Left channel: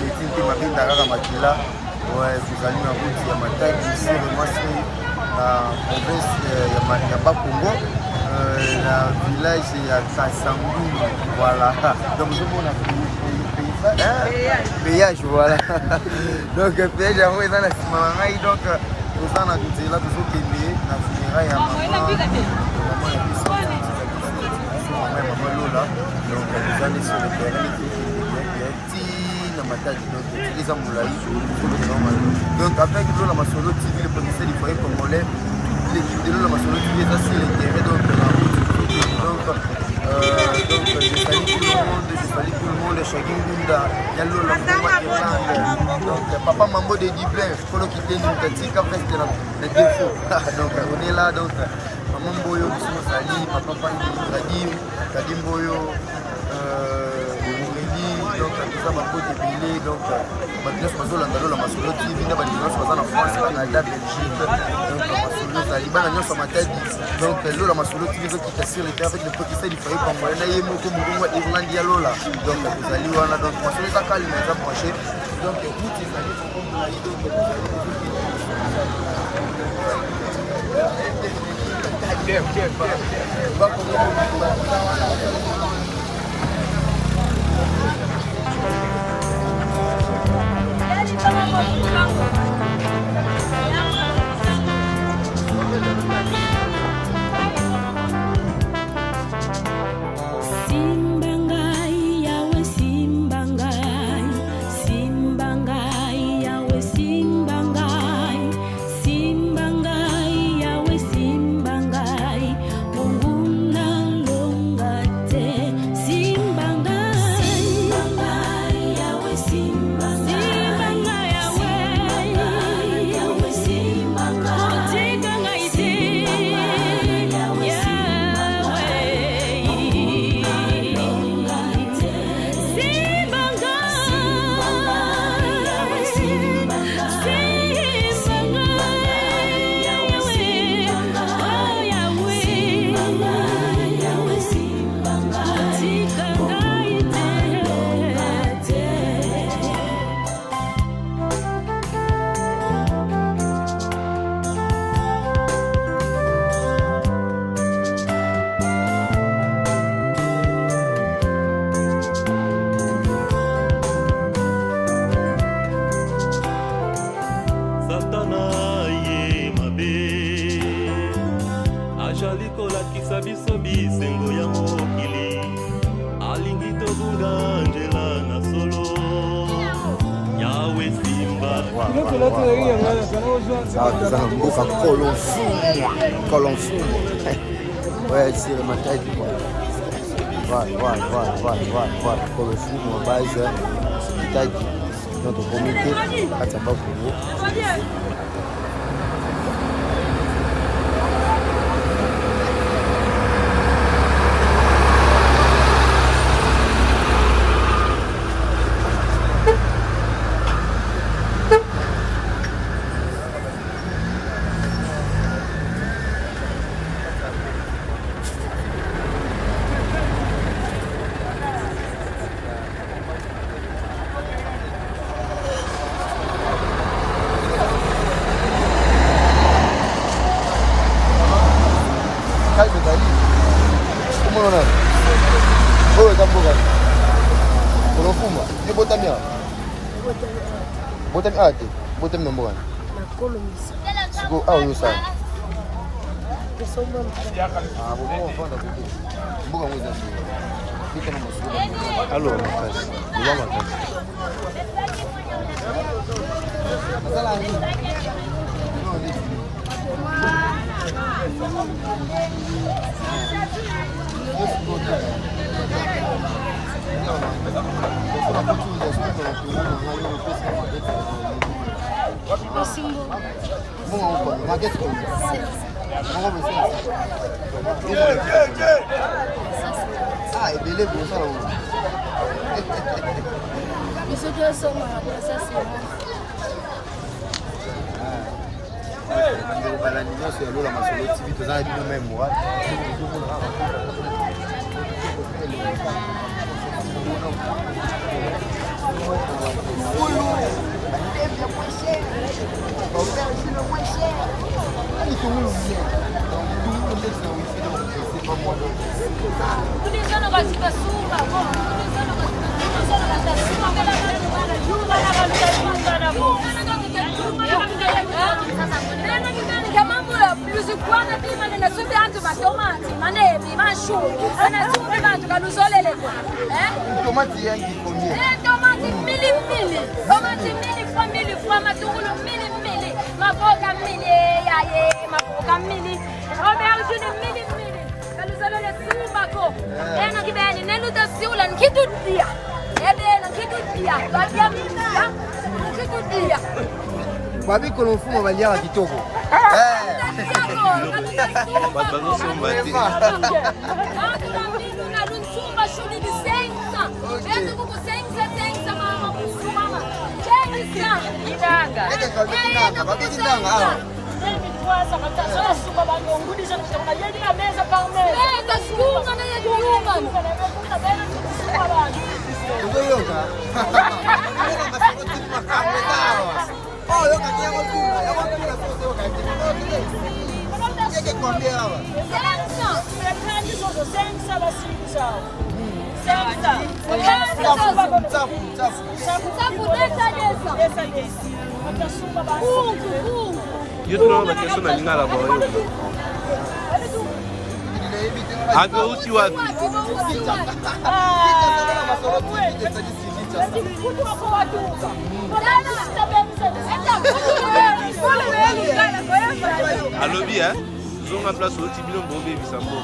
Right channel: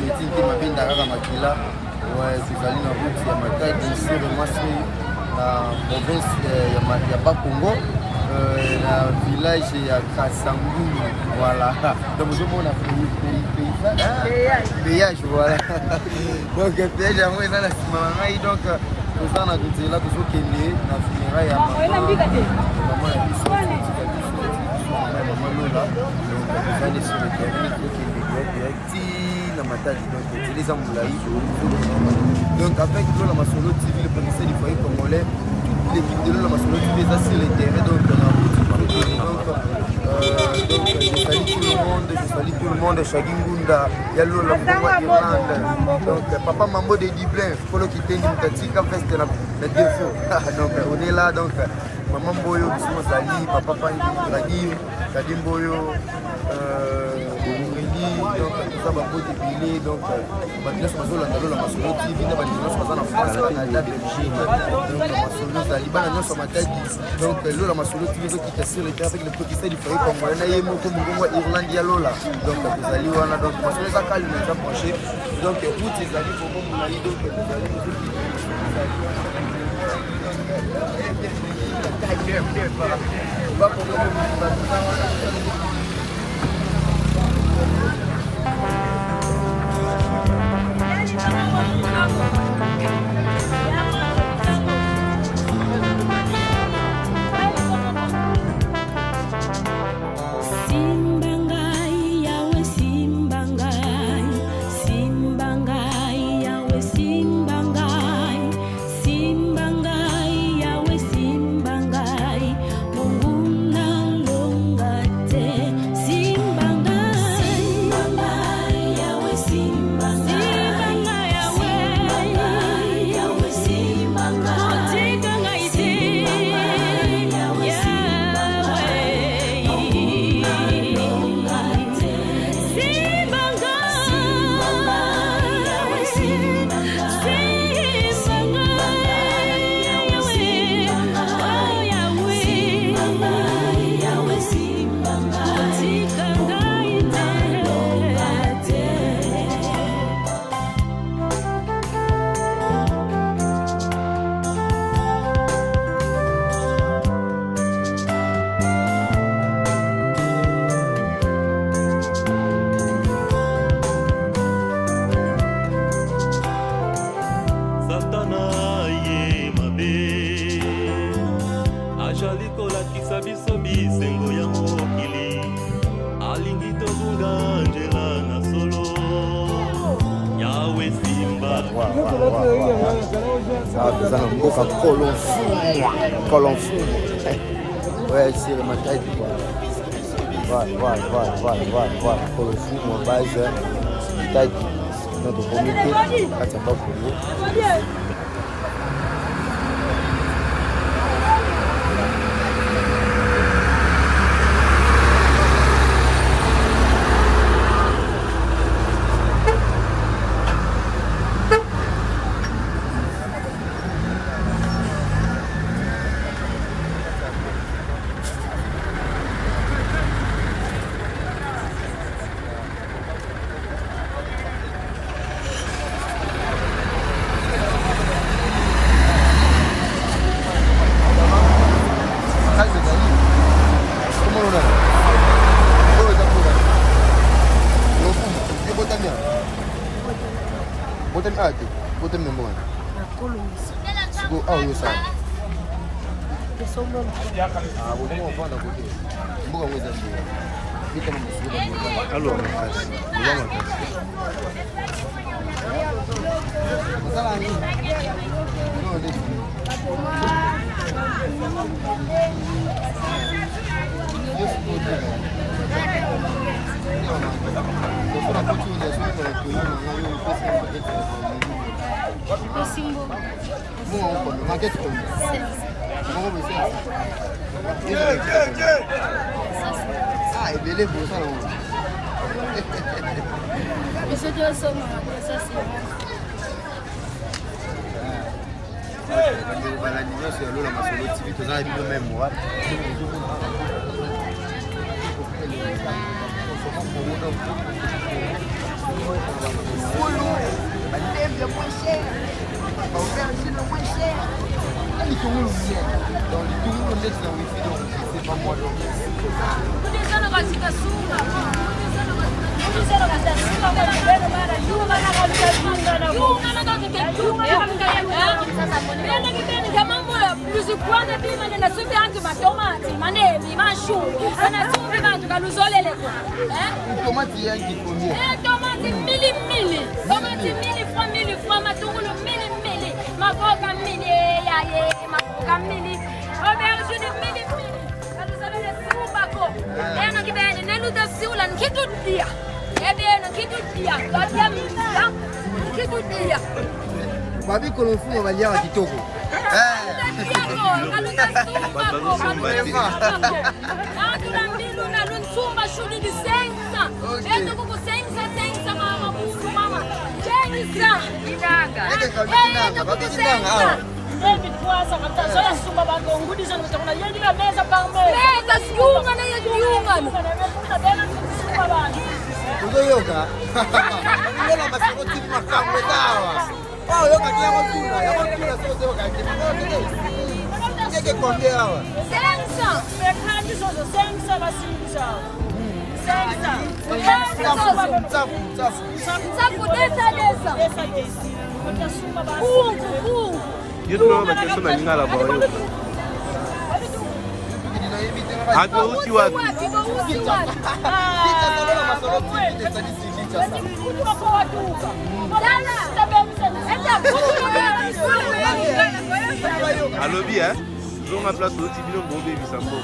meeting qui mabinda kaka makila ouais tozali na route ya Matadi sur Masri na province ya Bakongo na village ya Kasangulu voilà donc nous sommes péage voilà donc péage yango eza na nsima na ngai donc toza na nzela tozokende na funérailles ya mama ya biso mama ya mama Lola donc toza nde sur le terrain tokende direct na Matadi donc télé molai donc avec Lola Masolo TV le producteur du foyer congolais l'équipe de Lola Masolo TV est sur le terrain donc la route donc je salue tout le monde Shagingunda Yalola Irlande donc papa Mambo de Dublin Polo Kiteni Mkatika veste la défaut donc on est là donc maman Boyo Bissimo Sali papa Pangi Kadim Boyo donc tout ça bango débile donc Batilas Mazolanda Lola Masolo TV na Batilas Mazana France Canada Belgique donc Masolo Taliban nyonso Matadi donc Lola Masolo TV qui t'assure le avec le petit du foyer congolais na yemo ko mungongo Irlande ya Lola donc tozali wana donc Masolo ta calme ça proche donc route ezali pour mon laï donc tozali ça va un mboka kolonfu ouais c'est le Matadi voilà kolonfu mon base Matadi notre comité Katamba Congo Botem nombo gani? Kolomisi. Siko au yo sana. Kesomba mtu. Bomo wafanda kuti. Mboga mweza ndio. Mita mama subuga mboga. Alo makasi. Mboga makasi. Masala nini? No ni. Yes bote. Kwa mtu unajua kwa kuona ngayo pesa market. Simbo. Mungu uko market kwa. Mungu umesema. Ibele bosa na Mungu. Isso que eu sou uma assassina. Bande balani nyonso ya Lola Masolo TV tozali nous même wa. Tomate yangi combien? Tomate mili, tomate mili fois, matungulu mili, maboga mili, yaye, maboga mili, aubergine mili. Nous allons les trouver quoi? Et nous qui viennent, nous te sur la qui tout bien. Eh bien, qui tout bien, va bien bien, qui tout bien. Babi kolonfumo balia kitoko. Oh, yo kaki ya motuna sote yo kaki motuna. Yeke konde hawa. Yo tu na kesho na lingala kwa hiyo. Hapo usi wapi? Allo bien, ils ont ma place au Tibino Bombé Bisambo.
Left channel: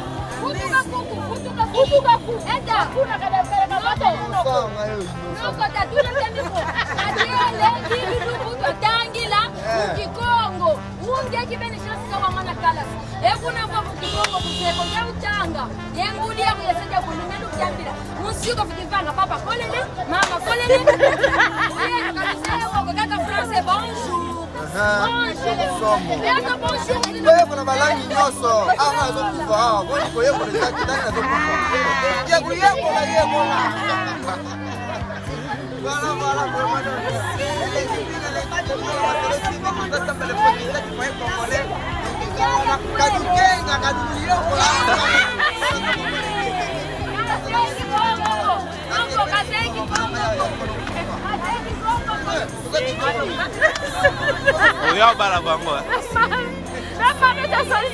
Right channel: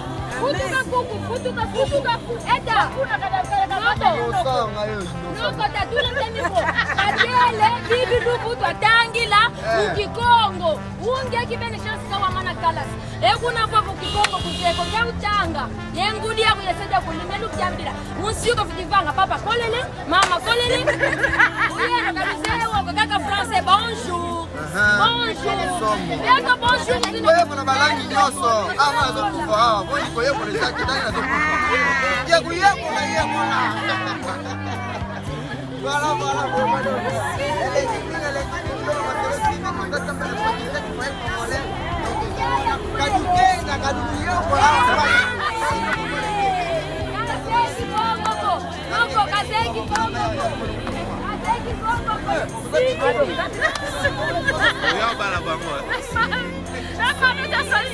Ukikongo unge kibeni chasika wa mana kalas ekuna kwa ukikongo kuzeko ya utanga yengudi ya kuyasaidia kulimelu kyambira musiko futivanga papa kolele mama kolele yena kaliseo kaka français bonjour bonjour bonjour Wewe kuna balangi nyoso ama zokuva hawa boni kwa yeko le zaki tani na zokuva ya kuyeko na yeko Kadukenga kaduliyoko Oya bala bango.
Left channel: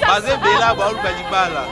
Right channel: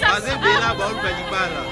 Baze bela ba uluka libala.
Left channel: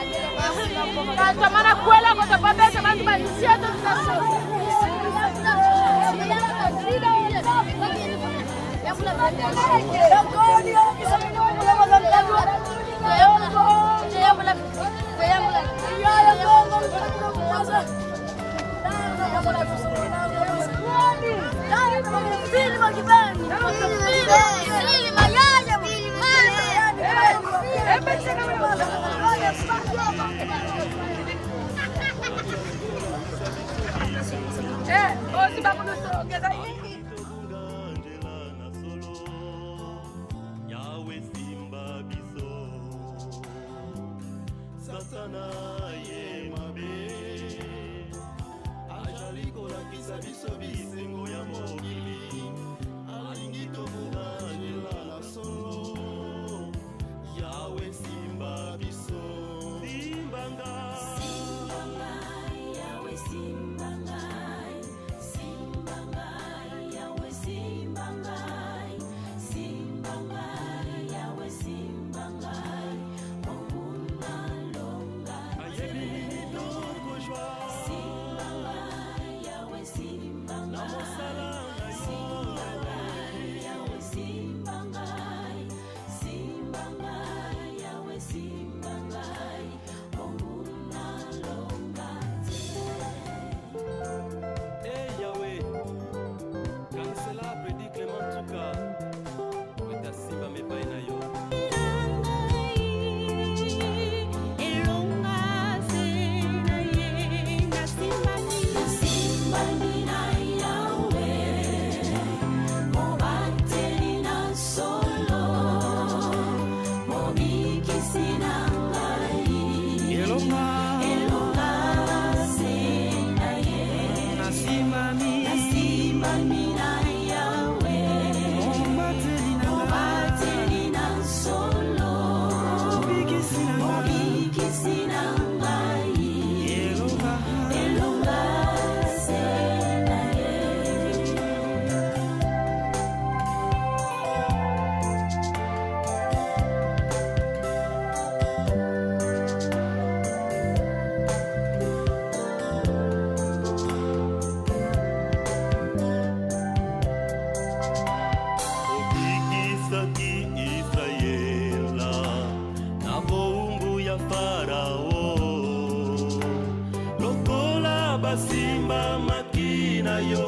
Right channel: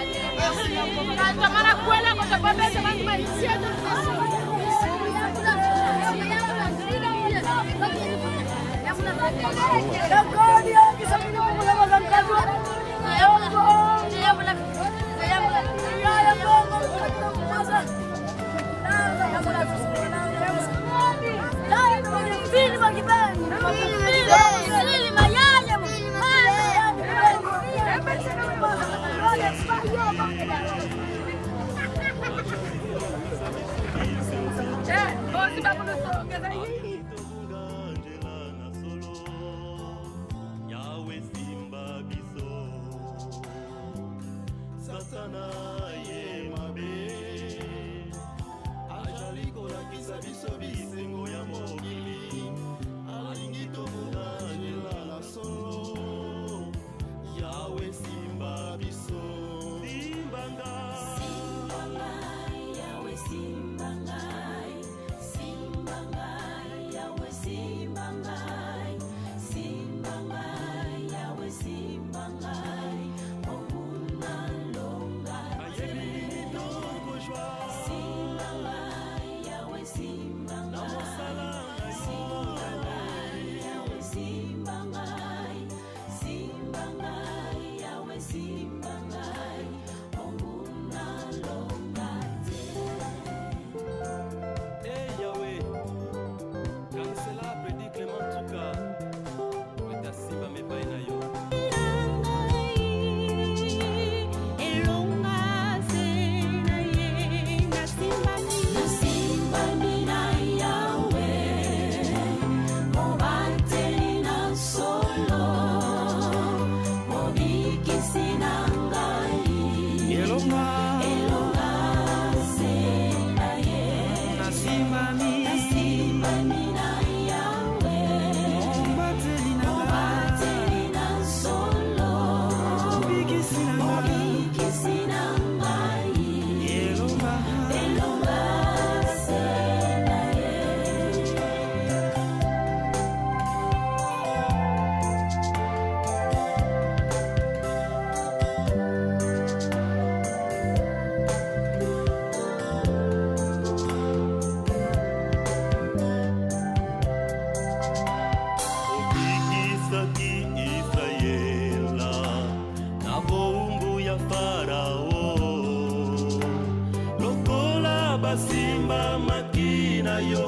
basimba makina yo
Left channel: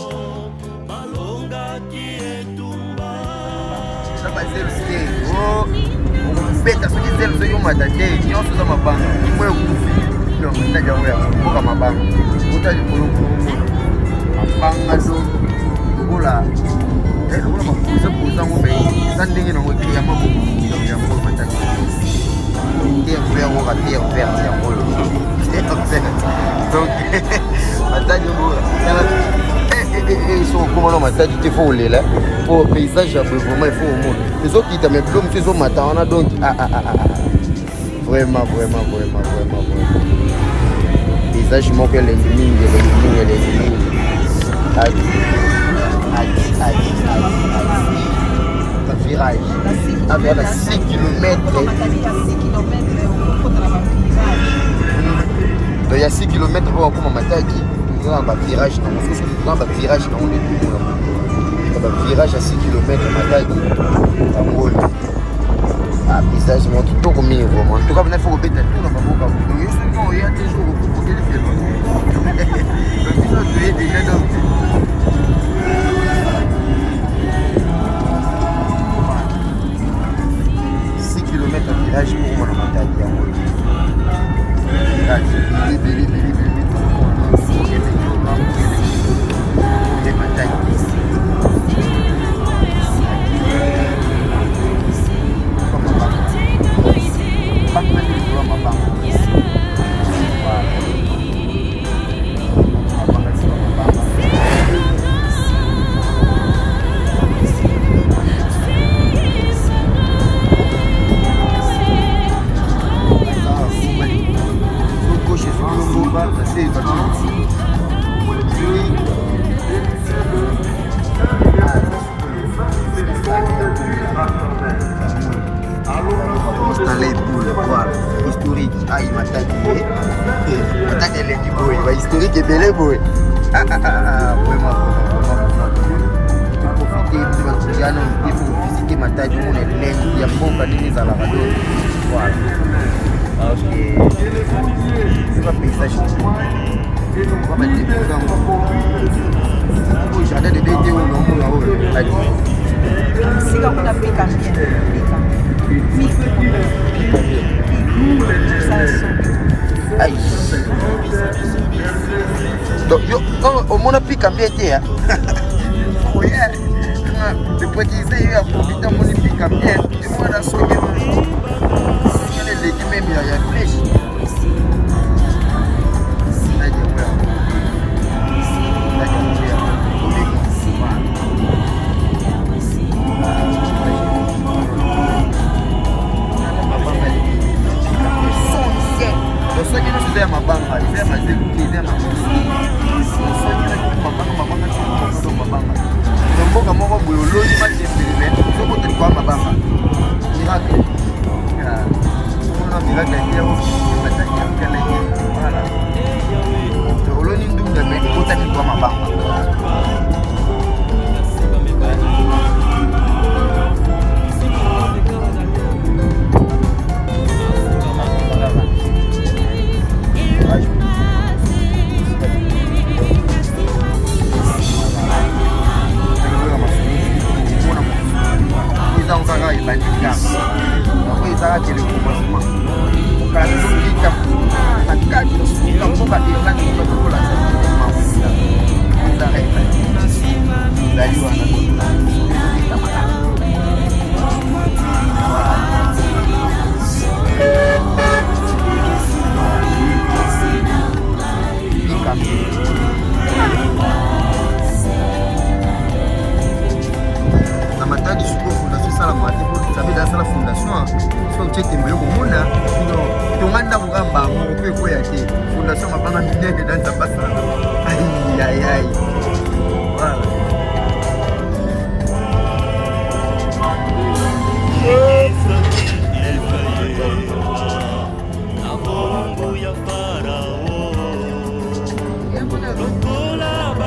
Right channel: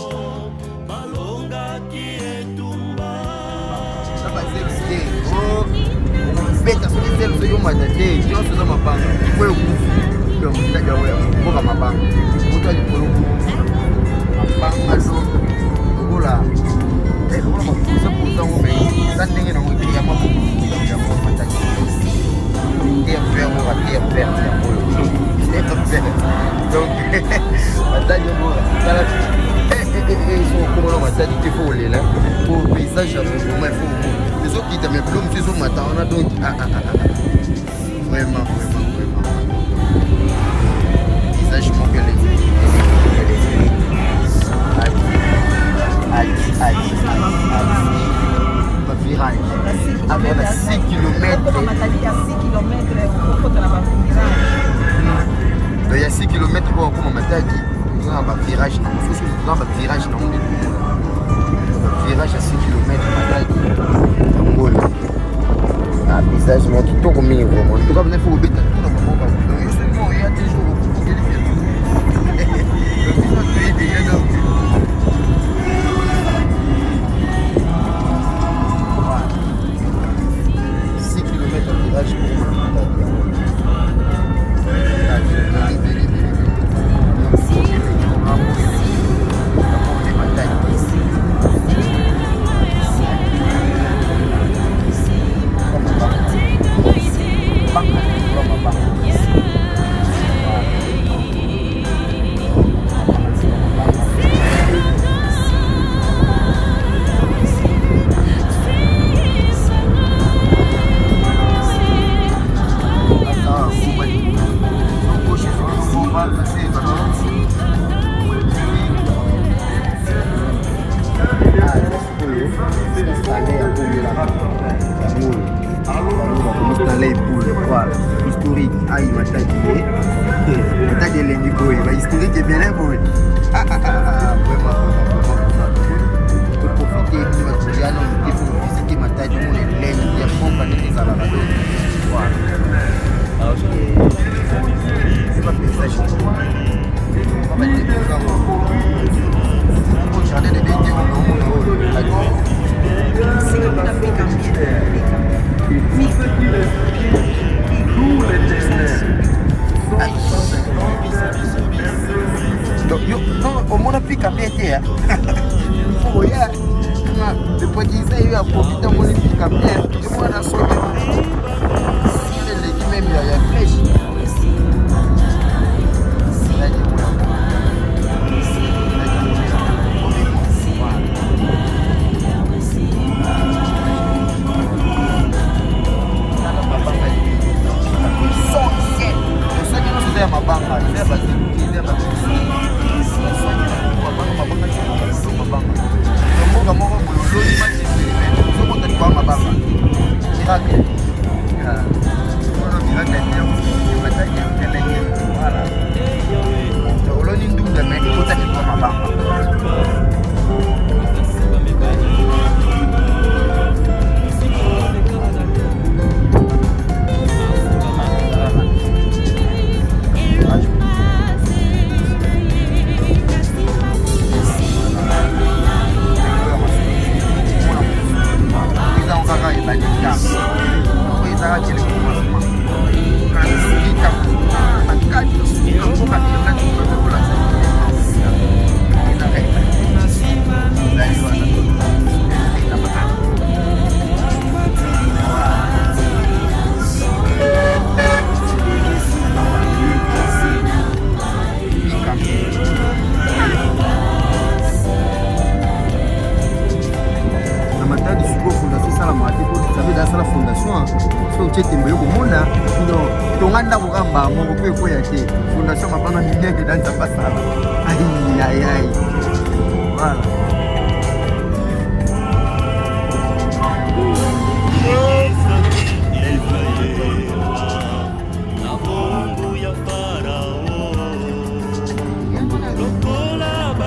malonga kietumba beta sukizelo so yuma tate nyonso za mabanga imoya kufi mtaja wewe kutoka mabanga kutali mabanga kula sandingi no ngini ya mambo ndio kwa patia perte ya bolo donc mataji bora ils sont comment on mataji il faut les là pour paysage vraiment il faut au monde les autres qui t'as mes plumes ils sont matin on a donc vraiment paysage manque les virage avec 6 km. Donc il y a 6 km pour comme Mataki, nous avons un virage dans mon souci, nous avons un virage dans mon époux. Un virage à 6 km à Mataki. Un paysage mais tout comme il vraiment. En tout cas, on a fait au bête. Il y a des jours où on peut les faire.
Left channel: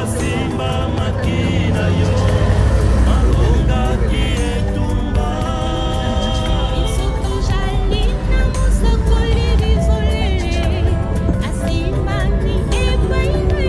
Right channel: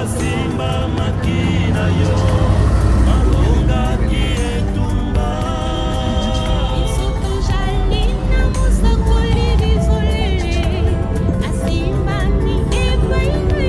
Simba makina yo malonga kietumba Isoto jalina mosa koliri zolele Asimba ni epaine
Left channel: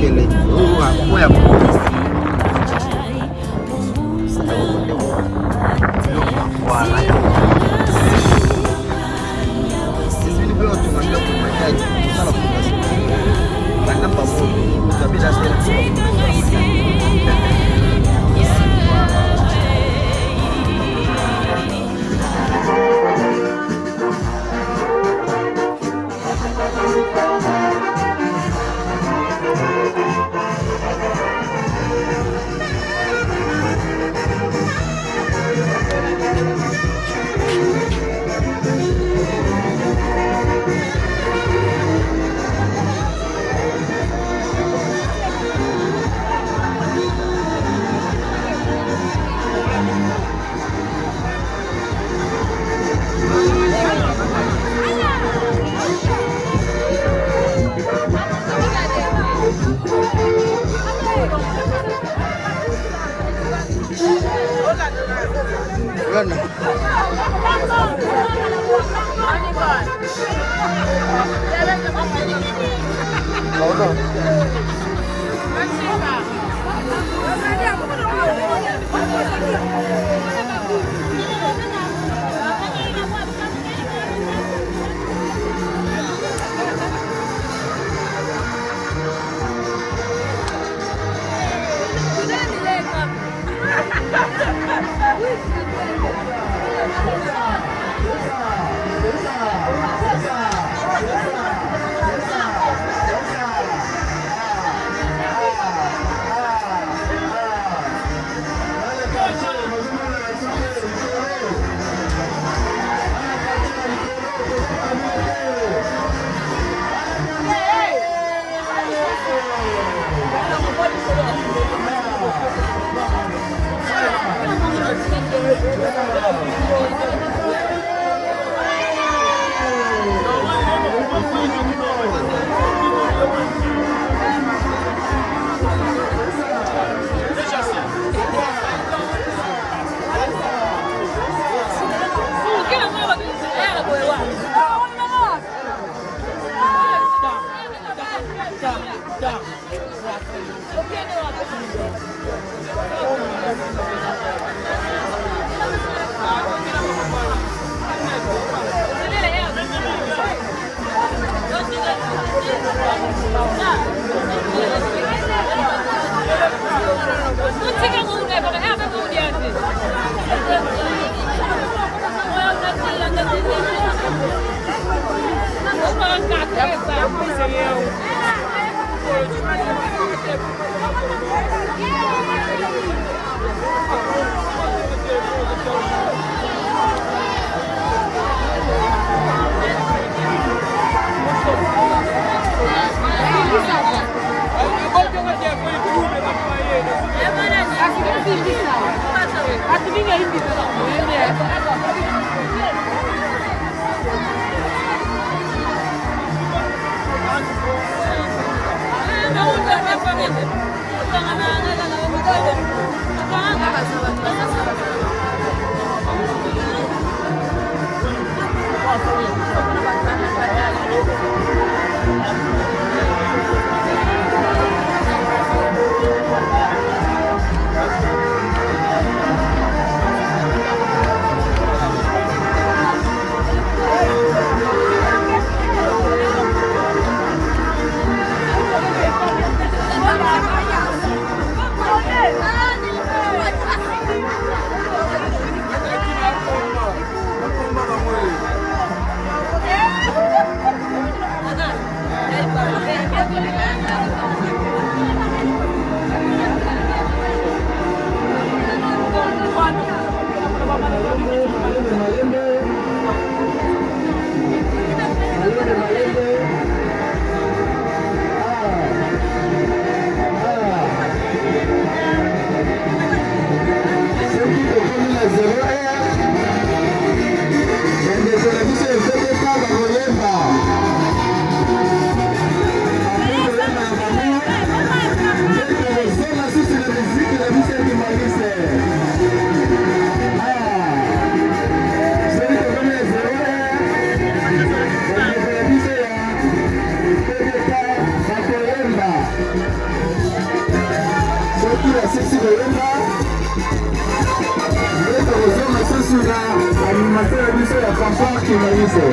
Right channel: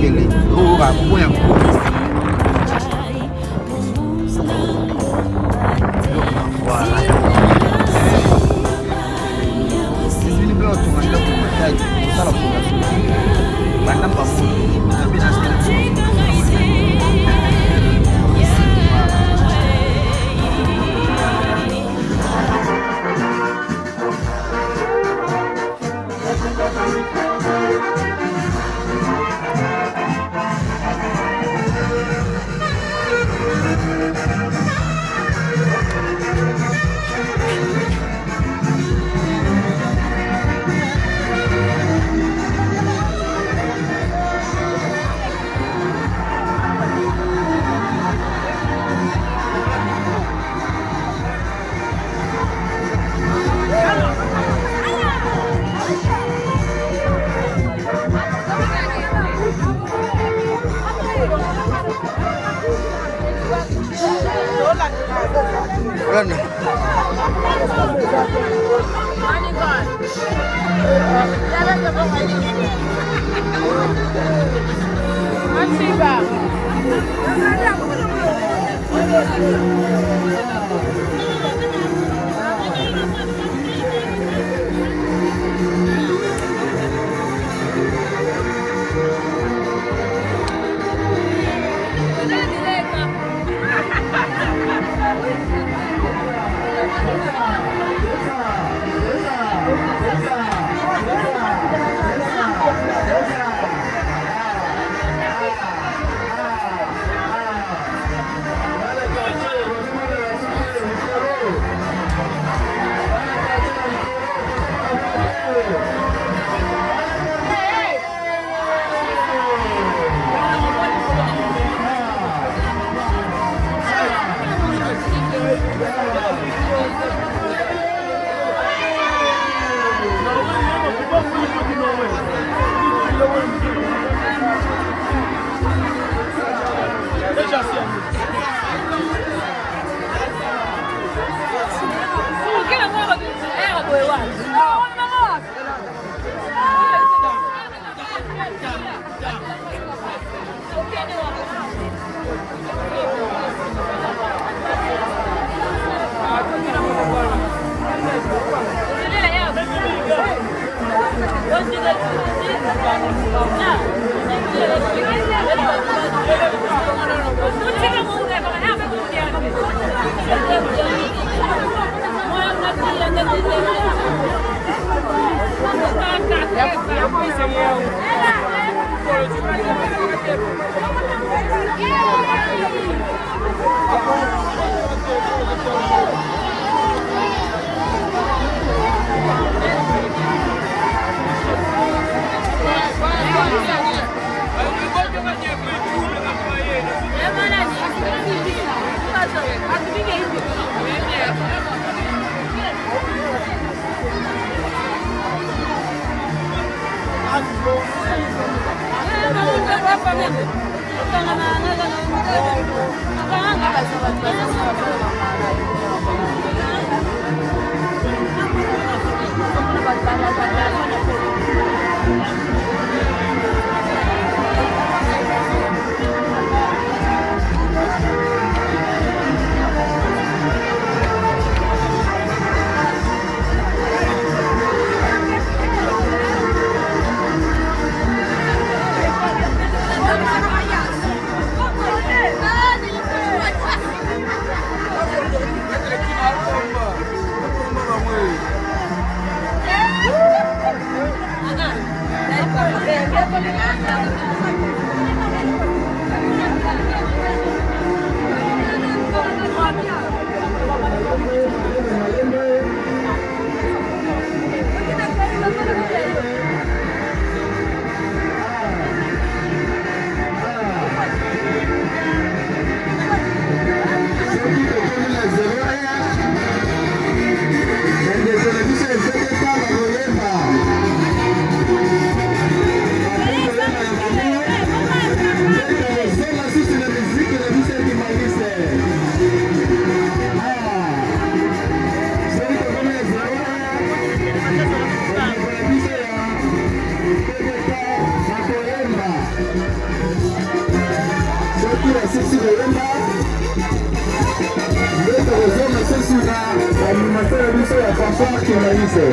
kelele oya soki basisi koyemba nde tokozonga susu na animateur ya biso ya fanfare kimaise.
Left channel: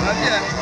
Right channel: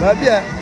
Va bien.